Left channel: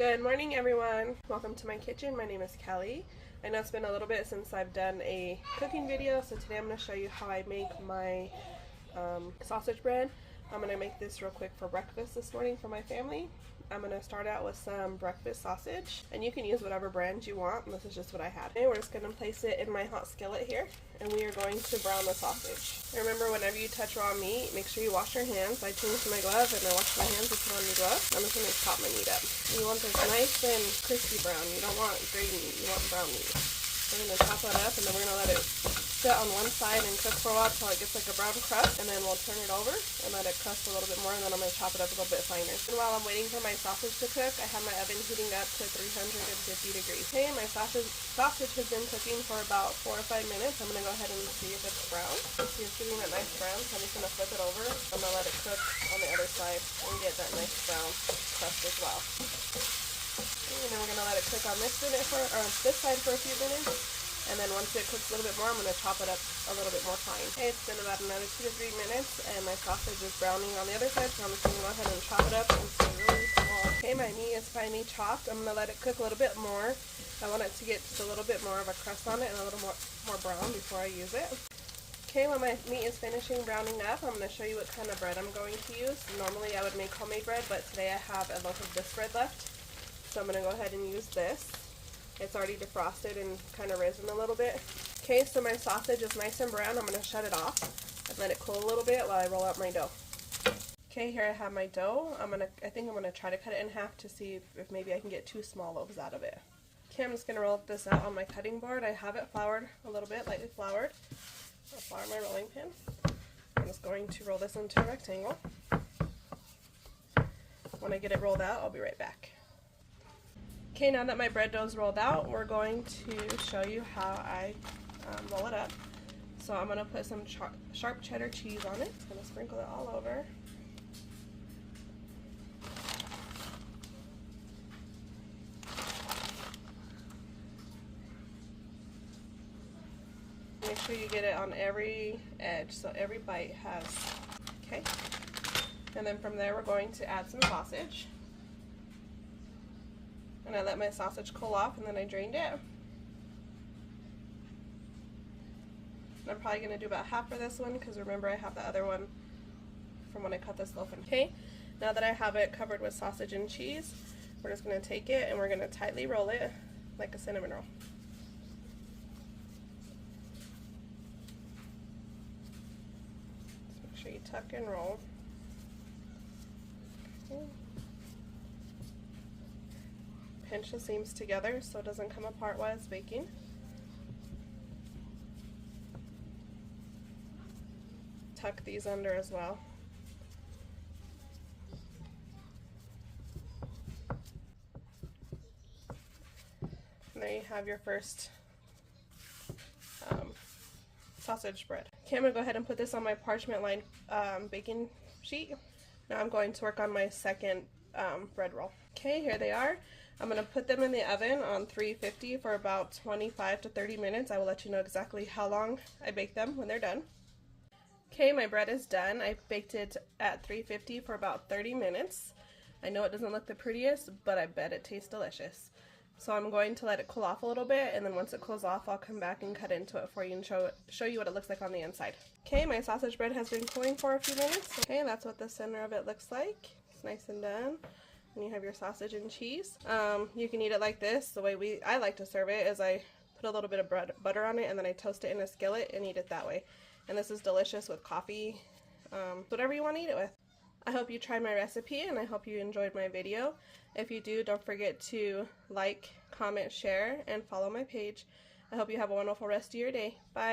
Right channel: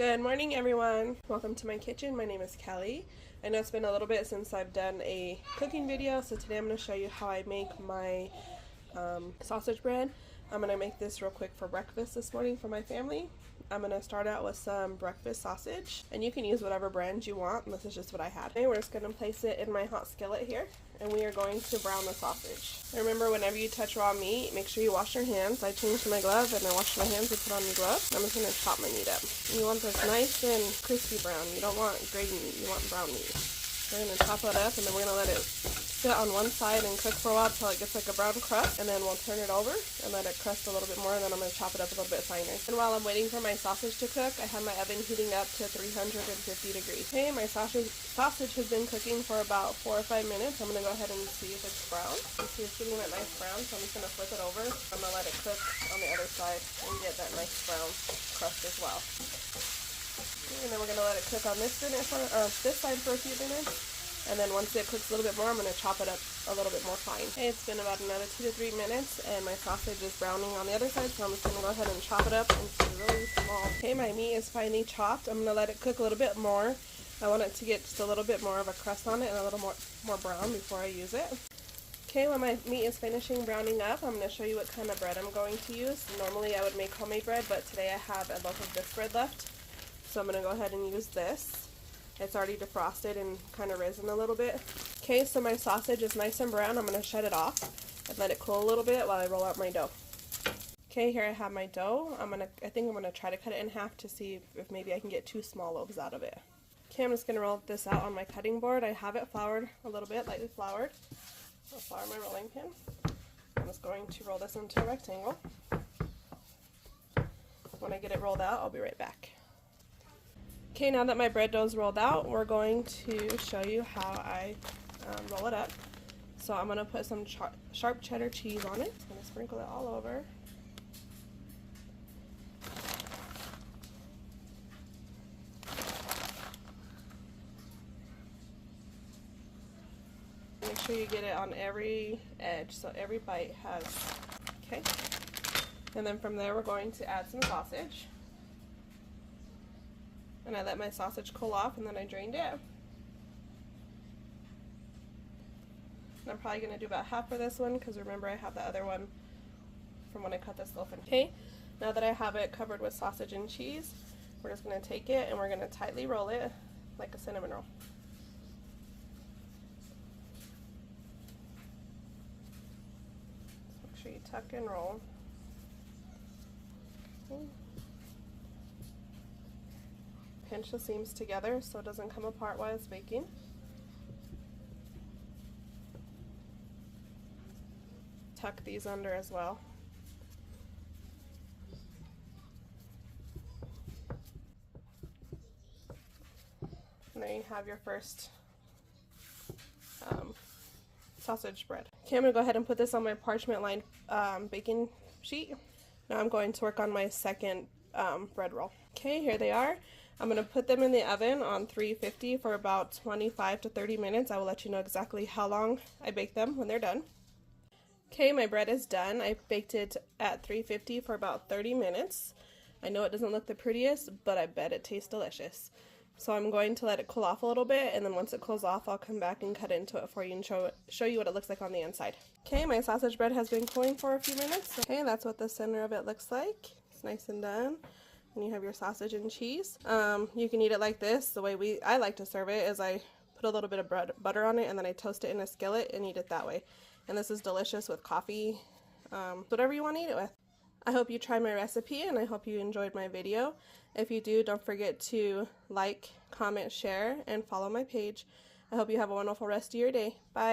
Good morning, everyone. Welcome to my kitchen. My name is Kelly. I know it's been a little bit since I've done a cooking video, so today I'm going to show you how I make my sausage bread. I'm going to make this real quick for breakfast this morning for my family. I'm going to start out with some breakfast sausage, and you can use whatever brand you want, and this is just what I had. Okay, we're just going to place it in my hot skillet here, and we are going to brown the sausage. Remember, whenever you touch raw meat, make sure you wash your hands. I changed my glove and I washed my hands and put on the glove. I'm just going to chop my meat up. You want this nice and crispy brown. You don't want gray meat, you want brown meat. We're going to chop it up, and then we're going to let it sit on one side and cook for a while until it gets like a brown crust, and then we'll turn it over and let it crust a little bit more, and then I'm going to chop it up a little bit finer. And while I'm waiting for my sausage to cook, I have my oven heating up to 350 degrees. Okay, my sausage has been cooking for about 4 or 5 minutes. I'm going to go ahead and see if it's brown. This is getting that nice brown, so I'm just going to flip it over. I'm going to let it cook on the other side and get that nice brown crust as well. And then we're going to let it cook on this side for a few minutes. And then once it cooks a little bit more, I'm going to chop it up a little bit more fine. Okay, it's been about another 2 to 3 minutes, and my sausage is browning on the other side, so I'm just going to go ahead and chop it up into really small. Okay, my meat is finely chopped. I'm going to let it cook a little bit more. I want it to get just a little bit more of a crust on it and a little more brown before I use it. Okay, when my meat is finishing browning up, I'm going to show you what kind of bread I'm going to use. Normally I would make homemade bread, but today I have a loaf of this bread left, so I'm going to go ahead and use this. It's already defrosted and kind of risen a little bit. Okay, so my sausage is nice and brown. I'm going to shut it off and let it cool a little bit while I roll out my dough. Okay, here I have my dough. I think I'm going to try to cut it in half to see if maybe I can get 2 small loaves out of it. Okay, I'm just going to roll this out on my cutting board. I have it floured a little bit, lightly floured. I'll flour my rolling pin. I'm just going to roll this into a rectangle. When I get it rolled out, I'll be right back. Okay, now that my bread dough is rolled out, we're going to show you how I roll it up. So I'm going to put some sharp cheddar cheese on it. I'm going to sprinkle it all over. Make sure you get it on every edge, so every bite has, okay? And then from there we're going to add some sausage. And I let my sausage cool off, and then I drained it. And I'm probably going to do about half for this one, because remember I have the other one from when I cut this loaf in. Okay, now that I have it covered with sausage and cheese, we're just going to take it and we're going to tightly roll it like a cinnamon roll. So make sure you tuck and roll. Okay. Pinch the seams together so it doesn't come apart while it's baking. Tuck these under as well. And there you have your first sausage bread. Okay, I'm going to go ahead and put this on my parchment-lined baking sheet. Now I'm going to work on my second bread roll. Okay, here they are. I'm going to put them in the oven on 350 for about 25 to 30 minutes. I will let you know exactly how long I bake them when they're done. Okay, my bread is done. I baked it at 350 for about 30 minutes. I know it doesn't look the prettiest, but I bet it tastes delicious. So I'm going to let it cool off a little bit, and then once it cools off, I'll come back and cut into it for you and show you what it looks like on the inside. Okay, my sausage bread has been cooling for a few minutes. Okay, that's what the center of it looks like. It's nice and done. And you have your sausage and cheese. You can eat it like this. The way I like to serve it is I put a little bit of butter on it, and then I toast it in a skillet and eat it that way. And this is delicious with coffee, whatever you want to eat it with. I hope you tried my recipe, and I hope you enjoyed my video. If you do, don't forget to like, comment, share, and follow my page. I hope you have a wonderful rest of your day. Bye.